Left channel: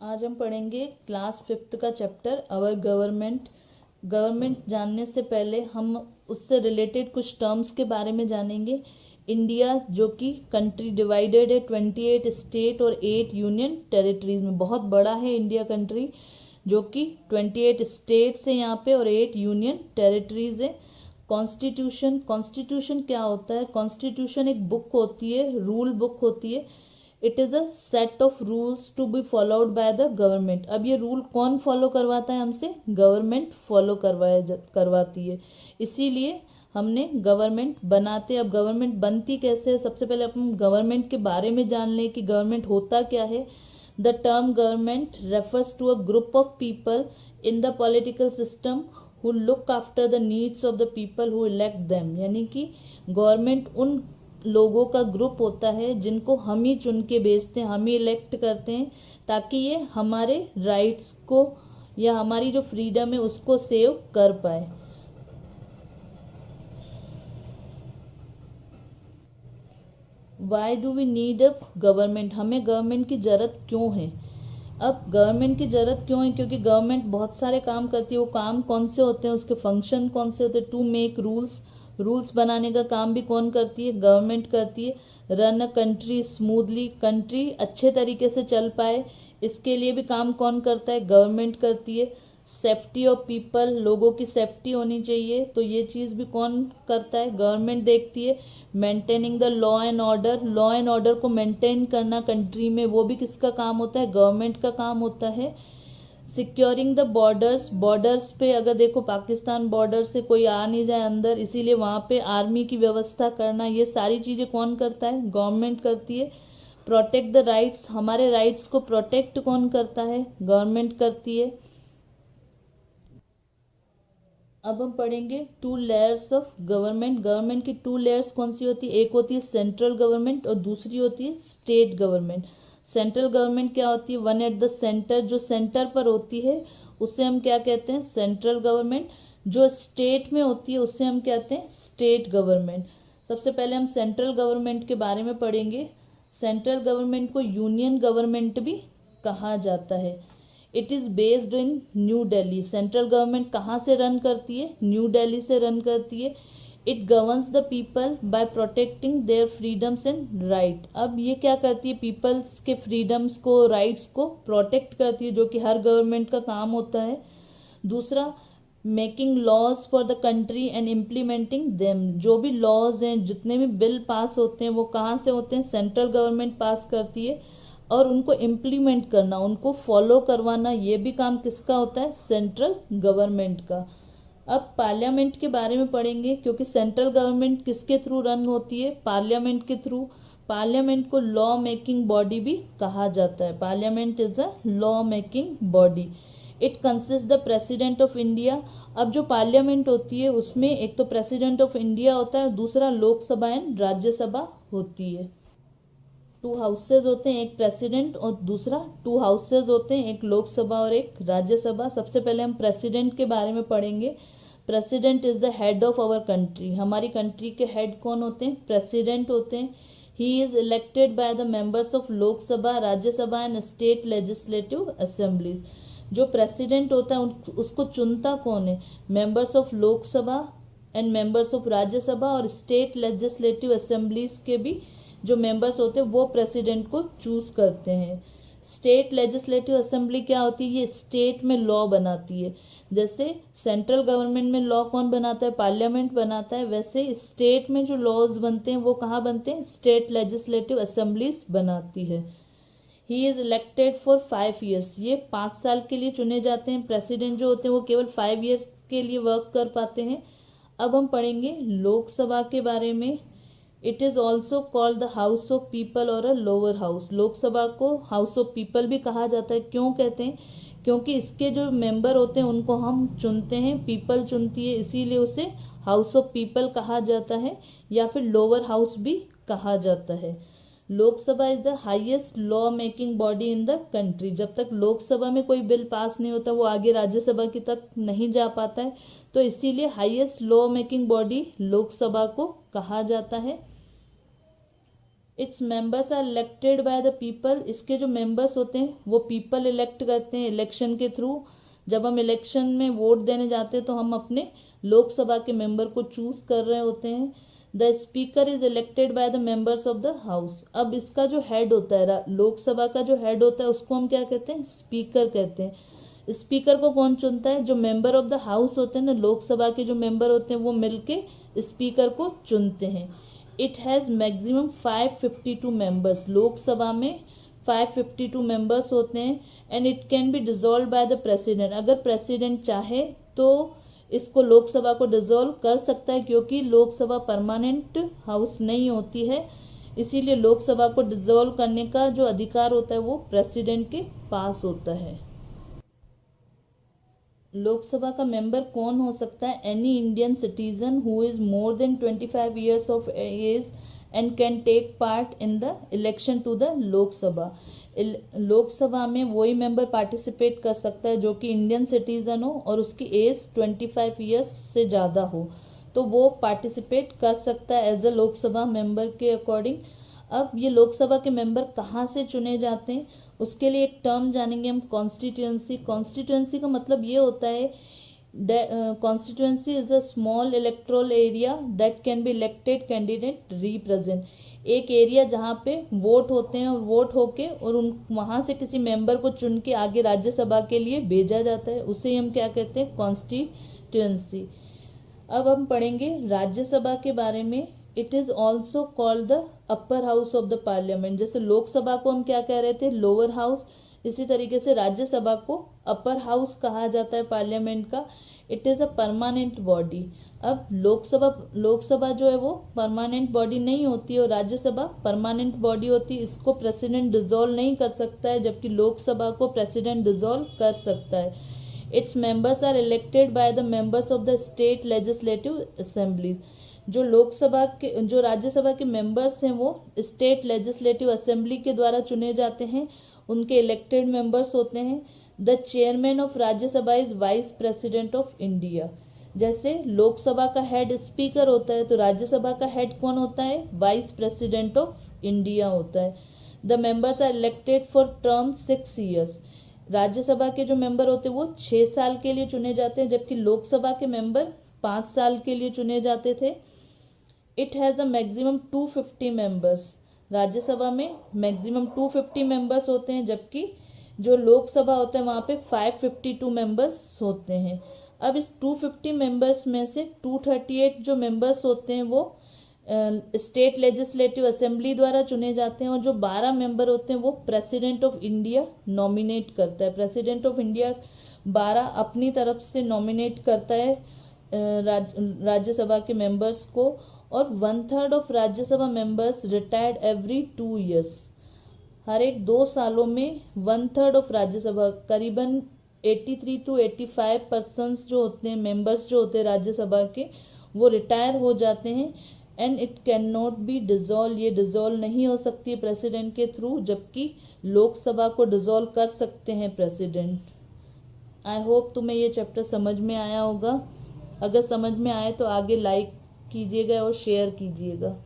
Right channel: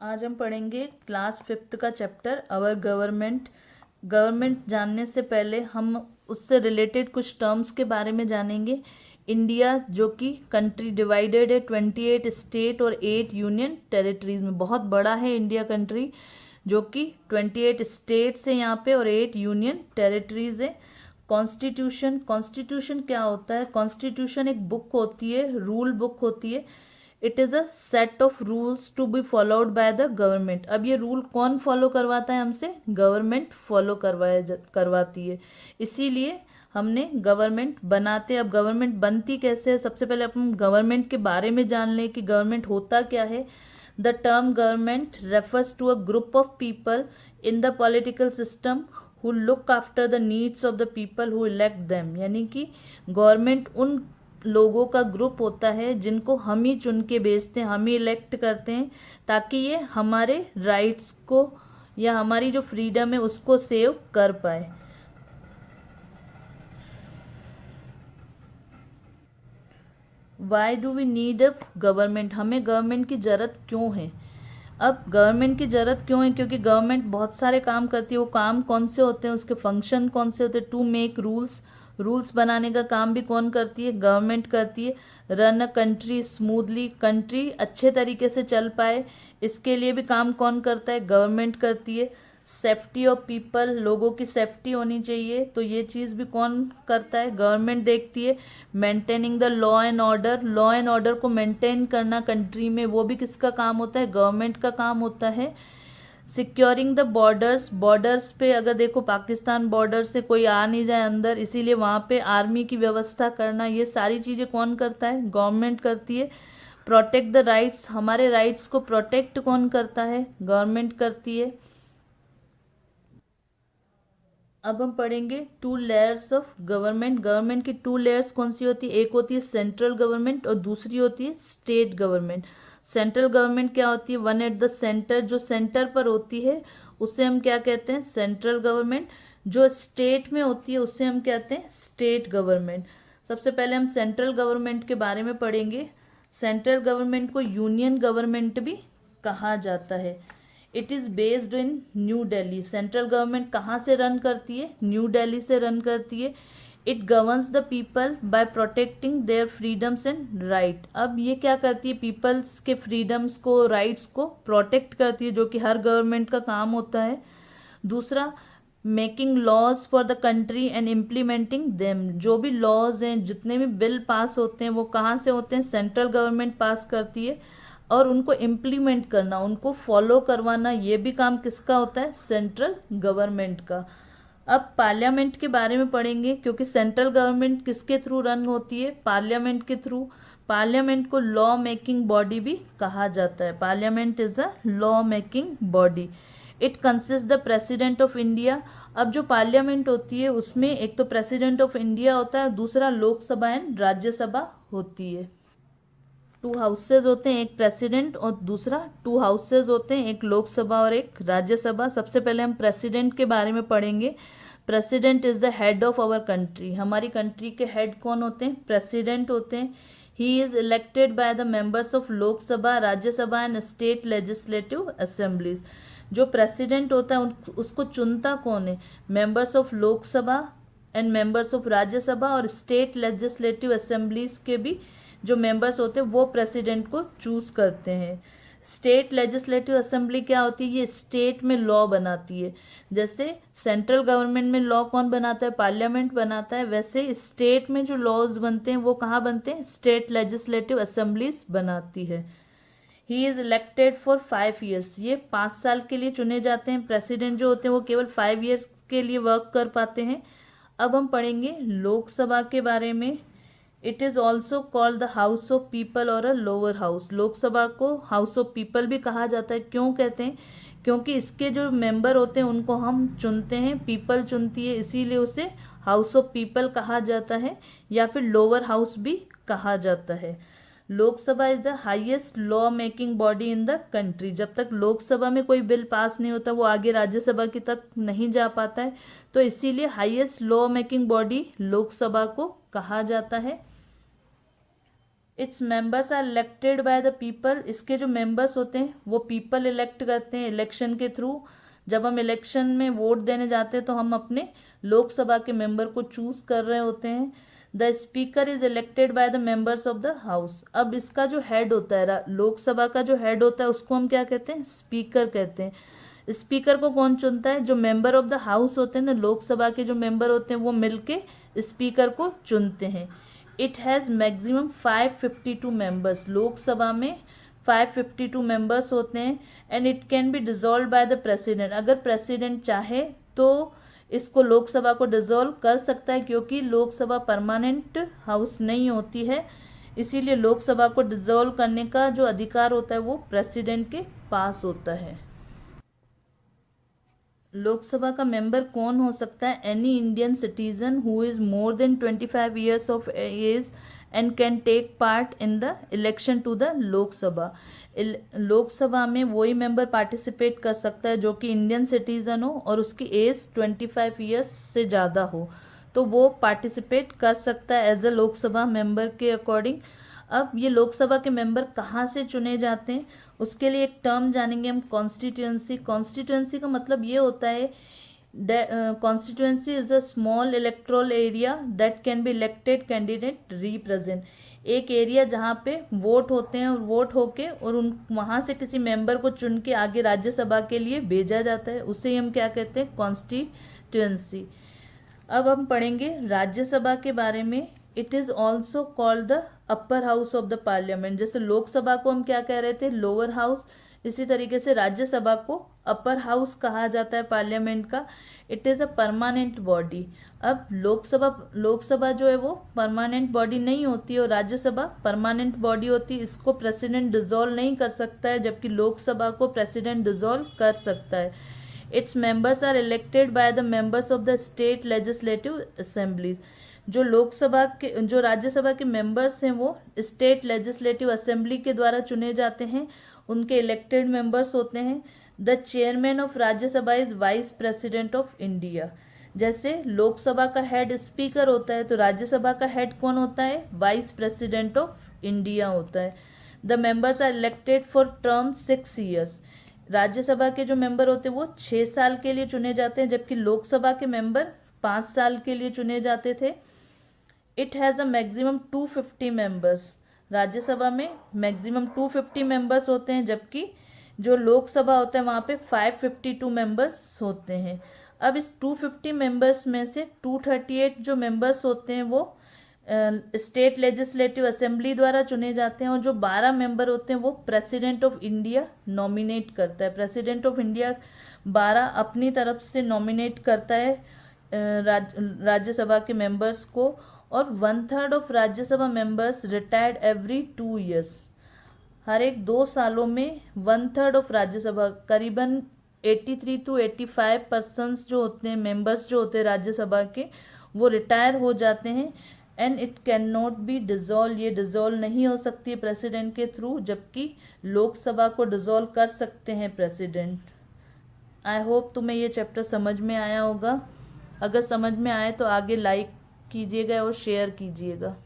आज हम पढ़ेंगे क्लास 5th का चैप्टर अवर गवर्नमेंट। गवर्नमेंट जानने से पहले हम उससे रिलेटेड कुछ टर्म्स के बारे में जानेंगे। इंडिया जो कि कंट्री डिवाइडेड है 28 स्टेट और 8 यूनियन टेरिटरीज में। बहुत बड़ा है इंडिया कंट्री, जो कि 28 स्टेट्स है यहाँ पे और 8 यूनियन टेरिटरीज है। कॉन्स्टिट्यूशन, कॉन्स्टिट्यूशन क्या होता है? कॉन्स्टिट्यूशन एक बुक होती है, रूल बुक होती है। It is a set of rules to be followed by the government. अब ये रूल कौन फॉलो करवाता है हमसे? गवर्नमेंट फॉलो करवाती है। इसीलिए हमने गवर्नमेंट बनाते। अब गवर्नमेंट बनती कैसे है? सबसे पहले अपन गवर्नमेंट के बारे में जान लें कि गवर्नमेंट होता क्या है। The term government refers to a group of people in the political system who look after the needs of the people who elect them। यानी कि गवर्नमेंट उन लोगों का ग्रुप होता है जिनको हम ही चुन के भेजते हैं, हम ही इलेक्ट करते हैं, ताकि ये हमारे राइट्स को या हमारी जो फ्रीडम है उसको सेव कर पाए। Why do we need a government? हमें गवर्नमेंट की ज़रूरत क्यों है? अब गवर्नमेंट की ज़रूरत क्यों है? क्योंकि गवर्नमेंट बहुत सारे काम करती है। वो काम कौन से होते हैं, उसके फंक्शन कौन से होते हैं? टू मेक रूल्स, रूल्स बनाने का काम भी कौन करती है? गवर्नमेंट करती है। Run a country smoothly, country अच्छे तरीके से चल पाए, इसके लिए भी काम कौन करता है? गवर्नमेंट करती है। सेफ्टी ऑफ पीपल, लोगों की सेफ्टी होनी चाहिए, तो ये चीज़ भी कौन करता है? गवर्नमेंट देखती है। Maintaining the law and order, law and order को मेंटेन करना कंट्री में, वो भी किसका काम होता है? गवर्नमेंट का काम होता है। सिक्योरिंग द बॉर्डर्स, बॉर्डर्स पे अगर देखो पाकिस्तान बॉर्डर से कोई आ नहीं जाए अंदर, इसीलिए वहाँ पे आर्मी की व्यवस्था करना, ये सारी चीज़ें कौन करता है? गवर्नमेंट करती है। प्रोटेक्ट द राइट्स, हमारे राइट्स को प्रोटेक्ट कौन करता है? गवर्नमेंट करती है। अब हम पढ़ेंगे two layers of government. Government की टू लेयर्स कौन सी होती है? एक होती है सेंट्रल गवर्नमेंट और दूसरी होती है स्टेट गवर्नमेंट। सेंट्रल गवर्नमेंट क्या होती है? वन एट द सेंटर, जो सेंटर पर होती है उसे हम क्या कहते हैं? Central government. जो स्टेट में होती है उसे हम कहते हैं स्टेट गवर्नमेंट। सबसे पहले हम सेंट्रल गवर्नमेंट के बारे में पढ़ेंगे। सेंट्रल गवर्नमेंट को यूनियन गवर्नमेंट भी कहा जाता है। It is based in new Delhi. Central government कहाँ से रन करती है? न्यू दिल्ली से रन करती है। It governs the people by protecting their freedoms and right. अब ये क्या करती है? पीपल्स के फ्रीडम्स को, राइट्स को प्रोटेक्ट करती है, जो कि हर गवर्नमेंट का काम होता है। दूसरा, making laws for the country and implementing them. जो भी लॉज हैं, जितने भी बिल पास होते हैं, वो कहाँ से होते हैं? सेंट्रल गवर्नमेंट पास करती है। और उनको इम्प्लीमेंट करना, उनको फॉलो करवाना, ये भी काम किसका होता है? सेंट्रल गवर्नमेंट का। अब पार्लियामेंट के बारे में पढ़ेंगे, क्योंकि सेंट्रल गवर्नमेंट किसके थ्रू रन होती है? पार्लियामेंट के थ्रू। पार्लियामेंट को लॉ मेकिंग बॉडी भी कहा जाता है। Parliament is a law making body. It consist the president of India. अब जो पार्लियामेंट होती है उसमें एक तो प्रेसिडेंट ऑफ इंडिया होता है और दूसरा लोकसभा एंड राज्यसभा होती है। टू हाउसेज होते हैं, एक प्रेसिडेंट और दूसरा टू हाउसेज होते हैं, एक लोकसभा और एक राज्यसभा। सबसे पहले हम प्रेसिडेंट के बारे में पढ़ेंगे। President is the head of our country. हमारी कंट्री के हेड कौन होते हैं? प्रेसिडेंट होते हैं। He is elected by the members of Lok Sabha, Rajya Sabha and state legislative assemblies. जो प्रेसिडेंट होता है उसको चुनता कौन है? Members of Lok Sabha and members of Rajya Sabha और स्टेट लेजिस्लेटिव असेंबलीज के भी जो मेंबर्स होते हैं वो प्रेसिडेंट को चूज करते हैं। स्टेट लेजिस्लेटिव असेंबली क्या होती है? ये स्टेट में लॉ बनाती है। जैसे सेंट्रल गवर्नमेंट में लॉ कौन बनाता है? पार्लियामेंट बनाता है। वैसे स्टेट में जो लॉज बनते हैं वो कहाँ बनते हैं? स्टेट लेजिस्लेटिव असेंबलीज बनाती है। ही इज इलेक्टेड फॉर 5 ईयर्स। ये 5 साल के लिए चुने जाते हैं। प्रेसिडेंट जो होते हैं वो केवल 5 ईयर्स के लिए वर्क कर पाते हैं। अब हम पढ़ेंगे लोकसभा के बारे में। It is also called the house of people और अ लोअर हाउस। लोकसभा को हाउस ऑफ पीपल भी कहा जाता है। क्यों कहते हैं? क्योंकि इसके जो मेंबर होते हैं उनको हम चुनते हैं, पीपल चुनती है, इसीलिए उसे हाउस ऑफ पीपल कहा जाता है या फिर लोअर हाउस भी कहा जाता है। Lok Sabha is the highest law making body in the country. जब तक लोकसभा में कोई बिल पास नहीं होता वो आगे राज्यसभा की तक नहीं जा पाता है, तो इसीलिए highest law making body Lok Sabha को कहा जाता है। Its members are elected by the people, इसके जो मेंबर्स होते हैं वो पीपल इलेक्ट करते हैं इलेक्शन के थ्रू। जब हम इलेक्शन में वोट देने जाते हैं तो हम अपने लोकसभा के मेंबर को चूज कर रहे होते हैं। The speaker is elected by the members of the house. अब इसका जो हेड होता है, लोकसभा का जो हेड होता है उसको हम क्या कहते हैं, स्पीकर कहते हैं। स्पीकर को कौन चुनता है, जो मेंबर ऑफ द हाउस होते हैं ना, लोकसभा के जो मेंबर होते हैं वो मिलके स्पीकर को चुनते हैं। It has maximum 552 members, Lok Sabha में 552 मेंबर्स होते हैं। And it can be dissolve by the president, अगर प्रेसिडेंट चाहे तो इसको लोकसभा को डिसॉल्व कर सकता है, क्योंकि लोकसभा परमानेंट हाउस नहीं होती है, इसीलिए लोकसभा को डिसॉल्व करने का जो अधिकार होता है वो प्रेसिडेंट के पास होता है। लोकसभा का मेंबर कौन हो सकता है, any Indian citizen who is more than 25 years of age and can take part in the election to the Lok Sabha. Lok Sabha में वही मेंबर पार्टिसिपेट कर सकता है जो कि इंडियन सिटीजन हो और उसकी एज 25 ईयर्स से ज़्यादा हो, तो वो पार्टिसिपेट कर सकता है एज अ लोकसभा मेंबर के अकॉर्डिंग। अब ये लोकसभा के मेंबर कहाँ से चुने जाते हैं, उसके लिए एक टर्म जानेंगे हम, कॉन्स्टिट्यूएंसी। कॉन्स्टिट्यूएंसी का मतलब ये होता है, constituency is a small electoral area that can be elected candidate represent. एक एरिया जहाँ पे वोट होते हैं और वोट होके और उन वहाँ से किसी मेंबर को चुन के आगे राज्यसभा के लिए भेजा जाता है, उसे ही हम क्या कहते हैं, कॉन्स्टिट्यूएंसी। अब हम पढ़ेंगे राज्यसभा के बारे में। It is also called the upper house of the parliament. जैसे लोकसभा को हम क्या कह रहे थे, लोअर हाउस, इसी तरीके से राज्यसभा को अपर हाउस कहा जाता है पार्लियामेंट का। It is a permanent body. अब लोकसभा जो है वो परमानेंट बॉडी नहीं होती है और राज्यसभा परमानेंट बॉडी होती है। इसको प्रेसिडेंट डिसॉल्व नहीं कर सकता है, जबकि लोकसभा को प्रेसिडेंट डिसॉल्व कर सकता है। Its members are elected by the members of the state legislative assemblies. जो राज्यसभा के मेंबर्स हैं वो स्टेट लेजिस्लेटिव असेंबली के द्वारा चुने जाते हैं, उनके इलेक्टेड मेंबर्स होते हैं। The chairman of Rajya Sabha is vice president of India. जैसे लोकसभा का हेड स्पीकर होता है, तो राज्यसभा का हेड कौन होता है, वाइस प्रेसिडेंट ऑफ इंडिया होता है। The members are elected for term 6 years. Rajya Sabha के जो मेंबर होते हैं वो 6 साल के लिए चुने जाते हैं, जबकि लोकसभा के मेंबर 5 साल के लिए चुने जाते थे। It has a maximum 250 members. Rajya Sabha में मैक्सिमम 250 मेंबर्स होते हैं, जबकि जो लोकसभा होता है वहाँ पे 552 मेंबर्स होते हैं। अब इस 250 मेंबर्स में से 238 जो मेंबर्स होते हैं वो स्टेट लेजिस्लेटिव असेंबली द्वारा चुने जाते हैं, और जो 12 मेंबर होते हैं वो प्रेसिडेंट ऑफ इंडिया नॉमिनेट करता है। प्रेसिडेंट ऑफ इंडिया 12 अपनी तरफ से नॉमिनेट करता है राज्यसभा के मेंबर्स को। और 1/3 of Rajya Sabha members retired every 2 years. हर एक 2 सालों में 1/3 ऑफ राज्यसभा, करीबन 83 to 85% जो होते हैं मेंबर्स जो होते हैं राज्यसभा के, वो रिटायर हो जाते हैं। And it can not be dissolve, ये डिसॉल्व नहीं हो सकती है प्रेसिडेंट के थ्रू, जबकि लोकसभा को डिसॉल्व कर सकते हैं प्रेसिडेंट। आई होप तुम्हें ये चैप्टर समझ में आया होगा। अगर समझ में आए तो आगे लाइक कीजिएगा और शेयर कीजिएगा।